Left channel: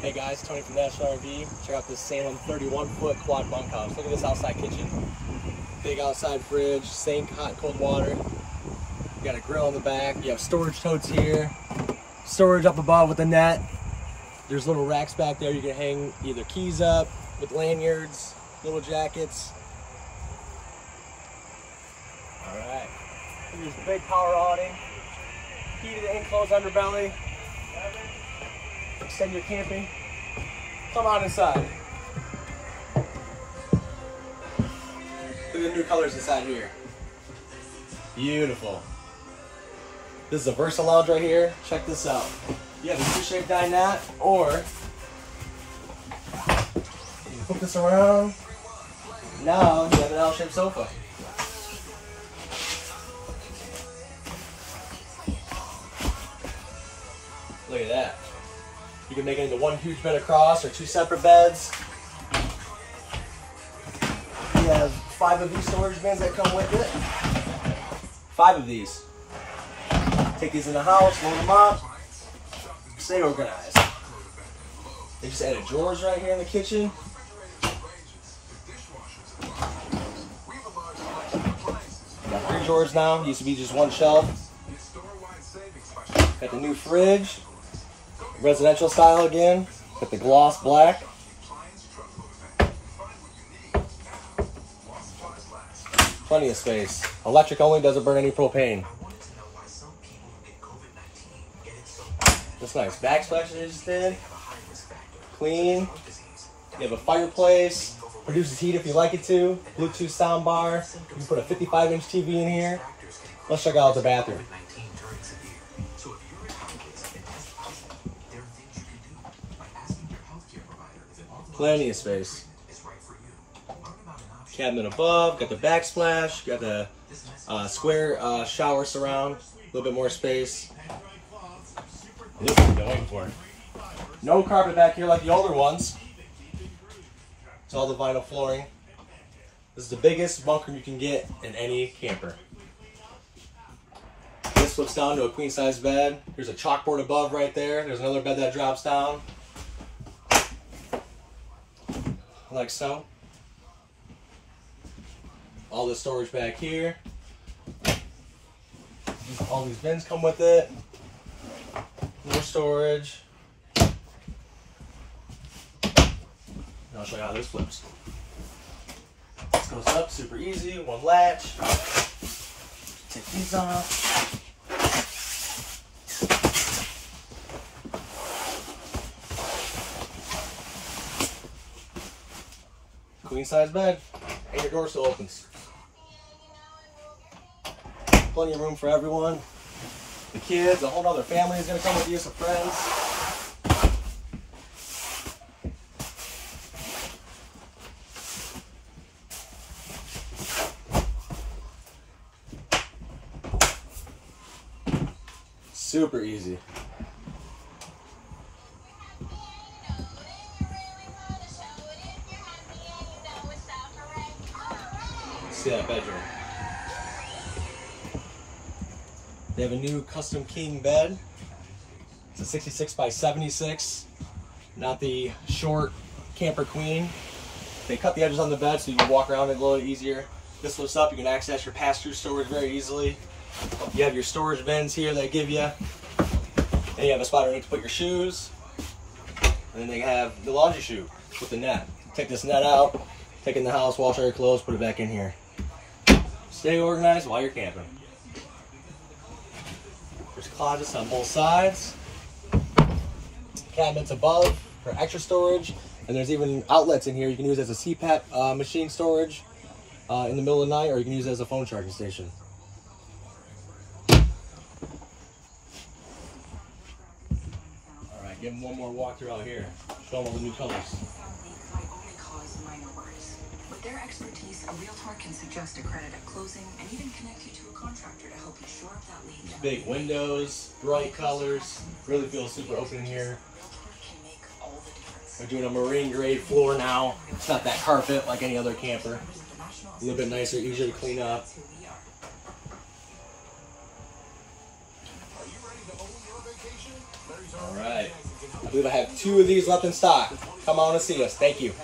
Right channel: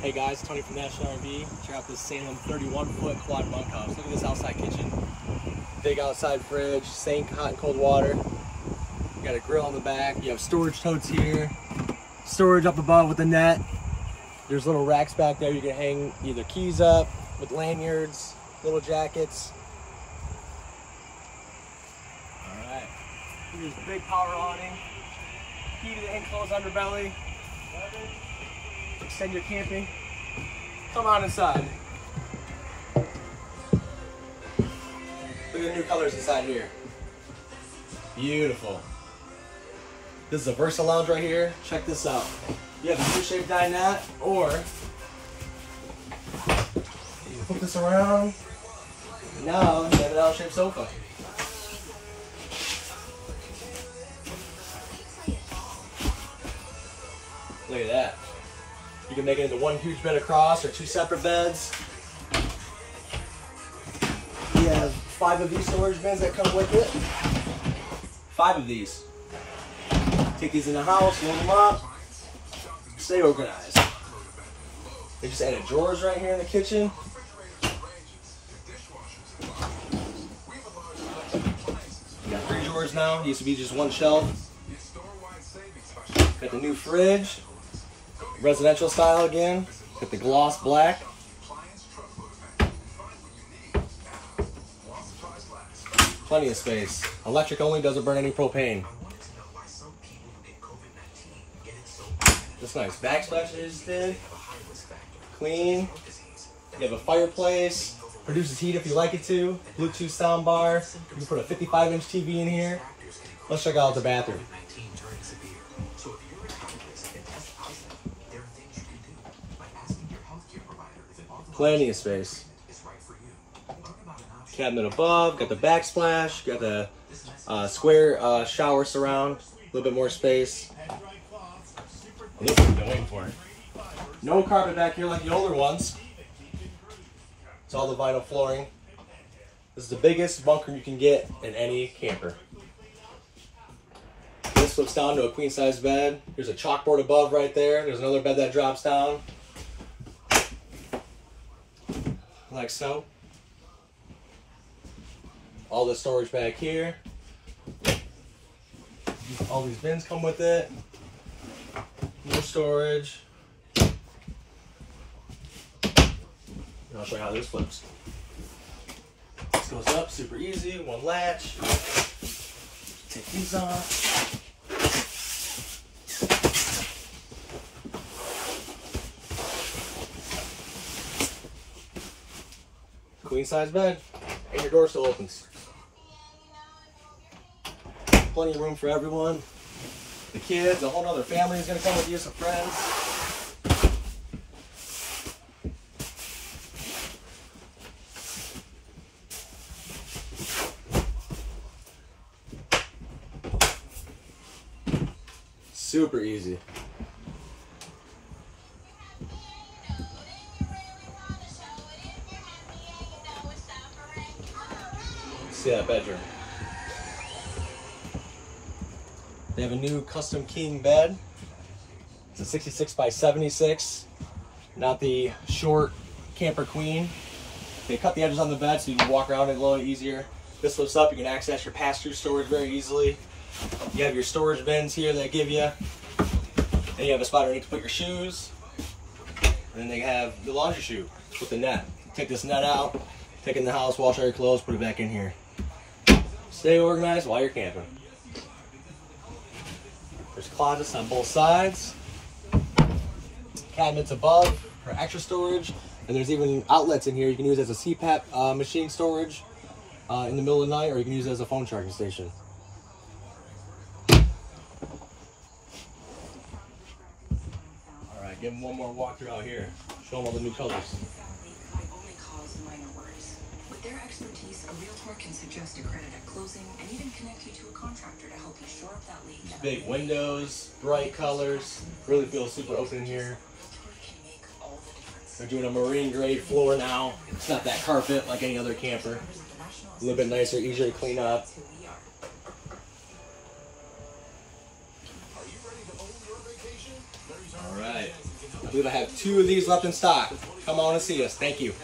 Hey guys, Tony from National RV. Check out this Salem 31-foot quad bunkhouse. Look at this outside kitchen. Big outside fridge, sink, hot and cold water. You got a grill in the back. You have storage totes here. Storage up above with a net. There's little racks back there. You can hang either keys up with lanyards, little jackets. All right. Here's a big power awning. Key to the enclosed underbelly. Extend your camping. Come on inside. Look at the new colors inside here. Beautiful. This is a Versa lounge right here. Check this out. You have a U-shaped dinette, or you can flip this around. Now you have an L-shaped sofa. Look at that. You can make it into one huge bed across or two separate beds. You have 5 of these storage bins that come with it. 5 of these. Take these in the house, load them up, stay organized. They just added drawers right here in the kitchen. You got 3 drawers now. Used to be just 1 shelf. Got the new fridge. Residential style again, with the gloss black. Plenty of space. Electric only, doesn't burn any propane. That's nice. Backsplash they just did. Clean. You have a fireplace. Produces heat if you like it to. Bluetooth soundbar. You can put a 55-inch TV in here. Let's check out the bathroom. Plenty of space. Cabinet above, got the backsplash, got the square shower surround, a little bit more space. This is going for it. No carpet back here like the older ones. It's all the vinyl flooring. This is the biggest bunker you can get in any camper. This flips down to a queen size bed. There's a chalkboard above right there. There's another bed that drops down. Like so. All the storage back here. All these bins come with it. More storage. And I'll show you how this flips. This goes up super easy, 1 latch. Take these off. Queen size bed, and your door still opens. Plenty of room for everyone. The kids, a whole other family is going to come with you, some friends. Super easy. See that bedroom. They have a new custom king bed. It's a 66 by 76, not the short camper queen. They cut the edges on the bed so you can walk around it a little easier. This flips up, you can access your pass-through storage very easily. You have your storage bins here that give you, and you have a spot underneath to put your shoes. And then they have the laundry chute with the net. Take this net out, take it in the house, wash all your clothes, put it back in here. Stay organized while you're camping. There's closets on both sides. Cabinets above for extra storage. And there's even outlets in here you can use as a CPAP machine storage in the middle of the night, or you can use it as a phone charging station. All right, give them one more walkthrough out here. Show them all the new colors. With their expertise, a realtor can suggest a credit at closing and even connect you to a contractor to help you shore up that leak. Big windows, bright colors, really feels super open in here. They're doing a marine grade floor now. It's not that carpet like any other camper. A little bit nicer, easier to clean up. All right. I believe I have 2 of these left in stock. Come on and see us. Thank you.